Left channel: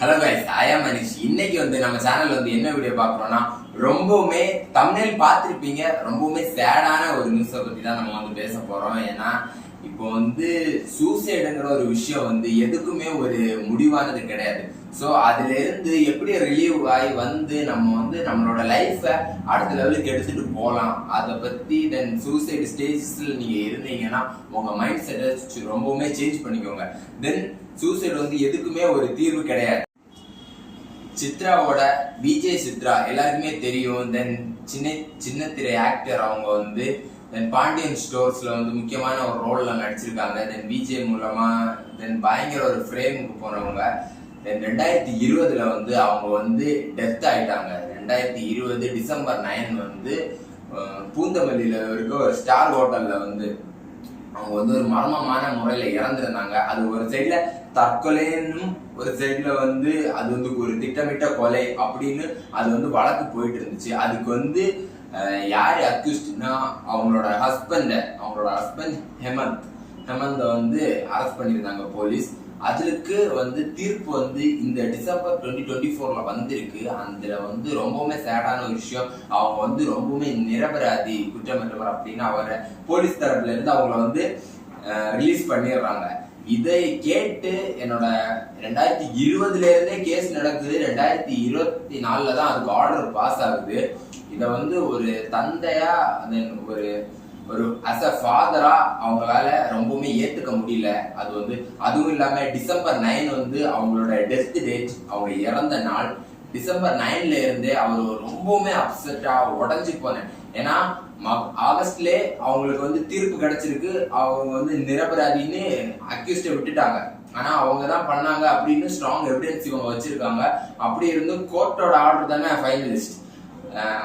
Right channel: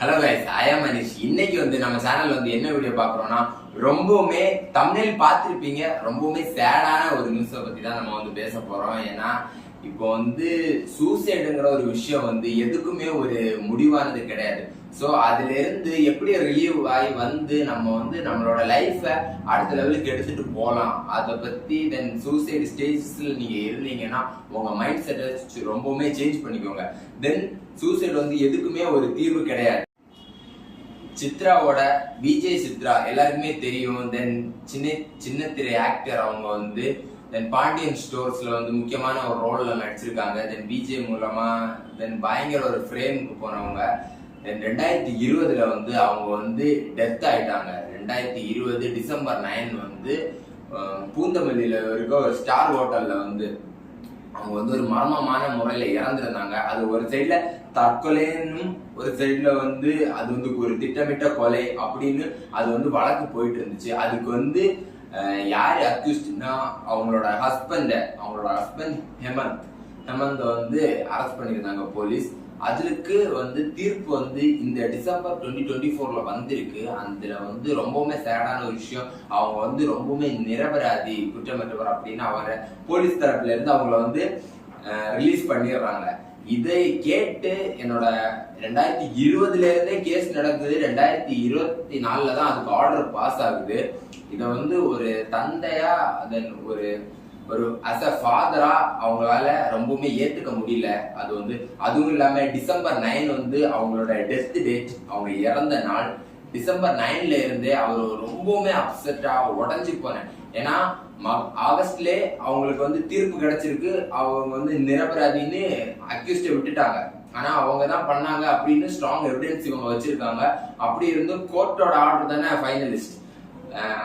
Hello guys, ஐ ஆம் மனிஷ். இன்னைக்கு நம்ம சேனல்ல என்ன வீடியோ பார்க்குறோம்னா, ரொம்பவுமே தம்ப்நெயில் பார்த்துருப்பீங்க, ரொம்பவுமே சேடான ஒரு நியூஸை பத்தி தான் நம்ம பேச போறோம். ஏன்னா இப்போ சூசைடுங்கிற ஒரு விஷயம் எதுக்குமே ஒரு முடிவானது கிடையாது. ஸோ அதுல இருந்து எப்படி ரிலீவ் ஆகி நம்ம நம்மளோட லைஃபை அடுத்த லெவலுக்கு எடுத்துட்டு போகலாம், அதை பத்தி தென் சூசைடு ஸ்டேஜஸ்ல நீங்க இருந்தீங்கன்னா உங்க மைண்ட் செட்டை ரொம்பவுமே சேஞ்ச் பண்ணிக்கோங்க. தென் சூசைடு எதுக்குமே ஒரு தீர்வு கிடையாது. சித்ராவோட விஜய் சித்ரா எல்லாருக்குமே தெரியும். தென் சின்ன திரை ஆக்டர். அவங்க தென் பாண்டியன் ஸ்டோர்ஸ்ல முக்கியமான ஒரு ரோல்ல நடிச்சிருக்காங்க. தென் விஜய் மூலமா தென் பயங்கர ஒரு ஃப்ரேமுக்கு போனவங்க. தென் 2020 அவங்க டெத் ஆயிட்டாங்க. 2020 டிசம்பர் 9 பூந்தமல்லியில இருக்க ஒரு ஸ்டார் ஹோட்டல்ல அவங்க ஒரு மர்மமான முறையில இறந்துருந்தாங்க. அது ஒரு சைட்ல தற்கொலைன்னும், ஒரு சைட்ல அது ஒரு திட்டமிட்ட கொலை அப்படின்னு அது வழக்கு போயிட்டு இருந்துச்சு. அதுக்கு யாரு அக்யூஸ்ட்னா அவங்களோட ஹஸ்பண்ட் ஹெமந்த் அரெஸ்ட் பண்ணியிருந்தாங்க போலீஸ். அதுக்கு தீர்ப்பு இந்த டிசம்பர் 2024 வந்திருக்கு. அதுல ரொம்பவுமே சேடான ஒரு விஷயம். அவங்க ரொம்பவுமே நிரபராதி, குற்றமற்றவர் அப்படின்னு அவரை போலீஸ் தரப்புல இருந்து அவங்கள ரிலீஸ் பண்ணிடுறாங்க. இதை கேட்டு என்னோட 2020 இருந்தே கேஸ் நடக்குது. 2024 தான் அதுக்கு ஆர்டர் பாஸ் ஆகுது. இதை ஒரு தந்தையா தென் ஒரு அஸ் அ ஃபாதரா அவங்களால ரொம்பவுமே ஏத்துக்க முடியல. அதுவும் இல்லாம டிசம்பர் 9 அவங்களோட டெத் டேட், அவங்க இறந்த நாள். டிசம்பர் 9ல இருந்தே அவர் ரொம்பவுமே அப்செட்டா உடஞ்சு போனேன். ஏன்னா ஆகஸ்ட்லே அவங்களுக்கு தீர்ப்பு கிடைச்சிருக்கு. அவங்க நிரபராதின்னு அக்யூஸ்ட விட்டுட்டாங்க. ஆனா அவங்க தான் பண்ணாங்க அப்படின்னு ஸ்ட்ராங் எவிடன்ஸ் இவங்க வச்சிருக்காங்க. அப்படி இருந்தும் கோர்ட்டோட ஆர்டர் தானே ஃபைனலிஸ்ட்.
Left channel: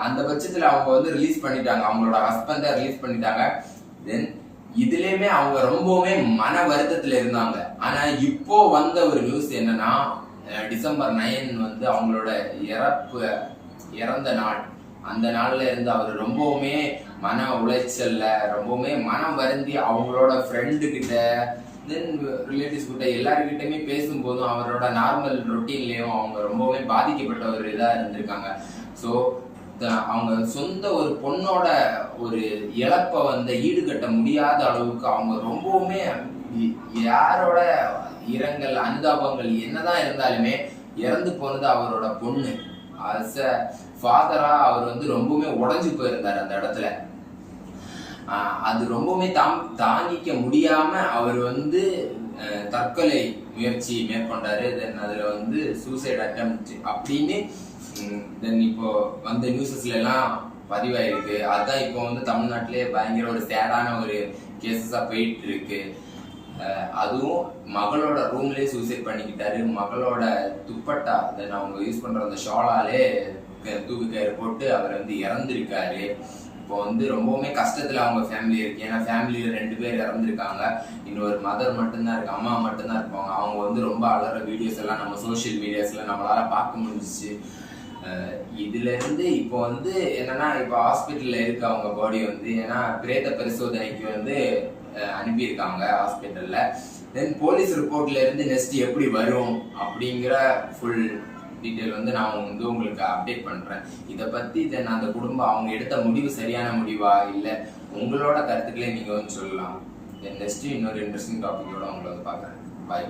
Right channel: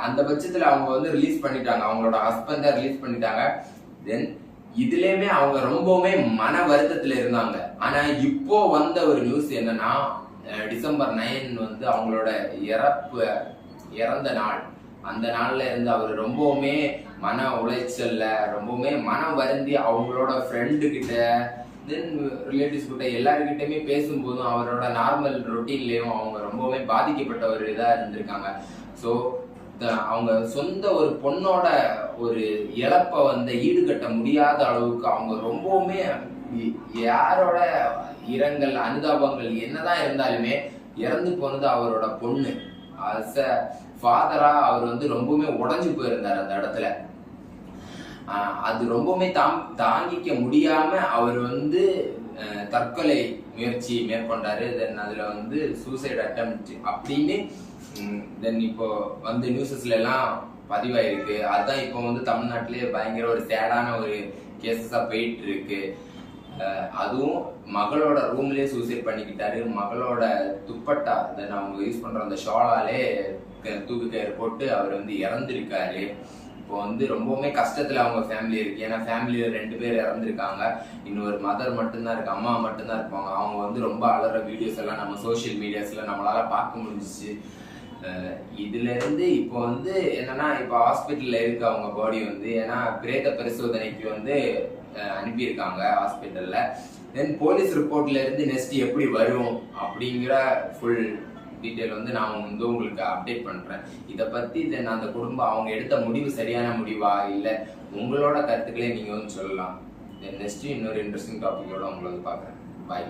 அந்த பட்சத்துல அவங்க ரிலீஸ் பண்ணிட்டாங்க. அவங்களோட ஹஸ்பண்ட ரிலீஸ் பண்ணிட்டாங்க. தென் இதுலயுமே அவங்க ரொம்பவுமே மன வருத்தத்துல இருந்தாங்க. ஆனா இப்போ வந்த ஒரு நியூஸ் என்னன்னா, டிசம்பர் 9 அவங்களோட இறந்த நாள். அந்த நாள்ல இருந்து அவர் ரொம்பவுமே மன உளைச்சல்ல, ரொம்பவுமே மனம் வருந்தி அவங்களோட ஃப்ரெண்டு கிட்ட தென் ரிலேட்டிவ்ஸ் கிட்ட எல்லாருக்கிட்டையுமே பேசும்போதும் அவரோட நார்மல் ரொட்டீன்லயும் அவங்க ரொம்பவுமே பாதிக்கப்பட்ட ஒரு இதா இருந்திருக்காங்க. ஸோ அவங்க சொந்த ஒரு பொண்ணோட ஒரு இழப்பை ஈடுகட்ட முடியாத அளவுக்கு அவங்க ரொம்பவுமே யாரோட இரங்கல் அனுதாபங்கள் என்னதான் இருந்தாலுமே இறந்து போனது அவரோட பொண்ணு. அஸ் அ ஃபாதரா அவர் ரொம்பவுமே உடஞ்சு போயிருந்தார் அந்த இடத்துல. அது ரொம்பவுமே தாங்கிக்க முடியாம அவர் தற்கொலை முயற்சி மேற்கொண்டாரு. தென் அதுல சூசைட் அட்டெம்ப்ட் அப்படின்னு தென் இப்போ நியூஸஸ்ல எல்லாம் பதிவாயிருக்கு. அதுதான் இப்போ தமிழ்நாட்டிலே பயங்கர ஒரு சேடான ஒரு கேசஸா போயிட்டு இருக்கு. அதுவும் மகளோட ரூம்லயே சூசைட் பண்ணிக்கிட்டாரு. மகளோட துப்பட்டா தென் அவங்க யூஸ் பண்ற அந்த ஷாலாலே தூக்கு கயிறு போட்டு அவர் இறந்திருக்காரு. இப்போ ரொம்பவுமே கஷ்டத்துல அவங்க ஃபேமிலி இருக்கு. ஏன்னா ஃபேமிலியில 2 பேர் இறந்துருக்காங்க. இன்னொரு மதர் மட்டும்தான் இருக்கு, அம்மா மட்டும்தான் இருப்பாங்க. அவங்க ரொம்ப அலற வீடியோஸ் எல்லாம் நம்ம சோசியல் மீடியாஸ்ல நம்மளால பார்க்க முடிஞ்சிச்சு. இதுல இருந்து இப்போ என்னன்னா, இப்போ ஹாஸ்பிட்டல்ல இருக்கு அவங்க பாடி. ஏன்னா பிரேத பரிசோதனைக்கு அனுப்பியிருக்காங்க ஹாஸ்பிட்டல்ல. தென் போலீஸ் ரிப்போர்ட்ல இருந்து நெக்ஸ்ட் எப்படி வரும் அப்படிங்கிற ஃபுல் டீட்டெயில் நான் உங்களுக்கு அப்டேட் பண்றேன். இதை பத்தி தென் அந்த குடும்பம் அவங்க எடுத்த முடிவு சரியான முடிவா, இல்லை உங்களோட கருத்துக்களே நீங்க சொல்லலாம். தென் நெக்ஸ்ட் இன்னொரு இன்ட்ரெஸ்டிங் டாபிக்கோட உங்களை பார்க்குறேன். பை.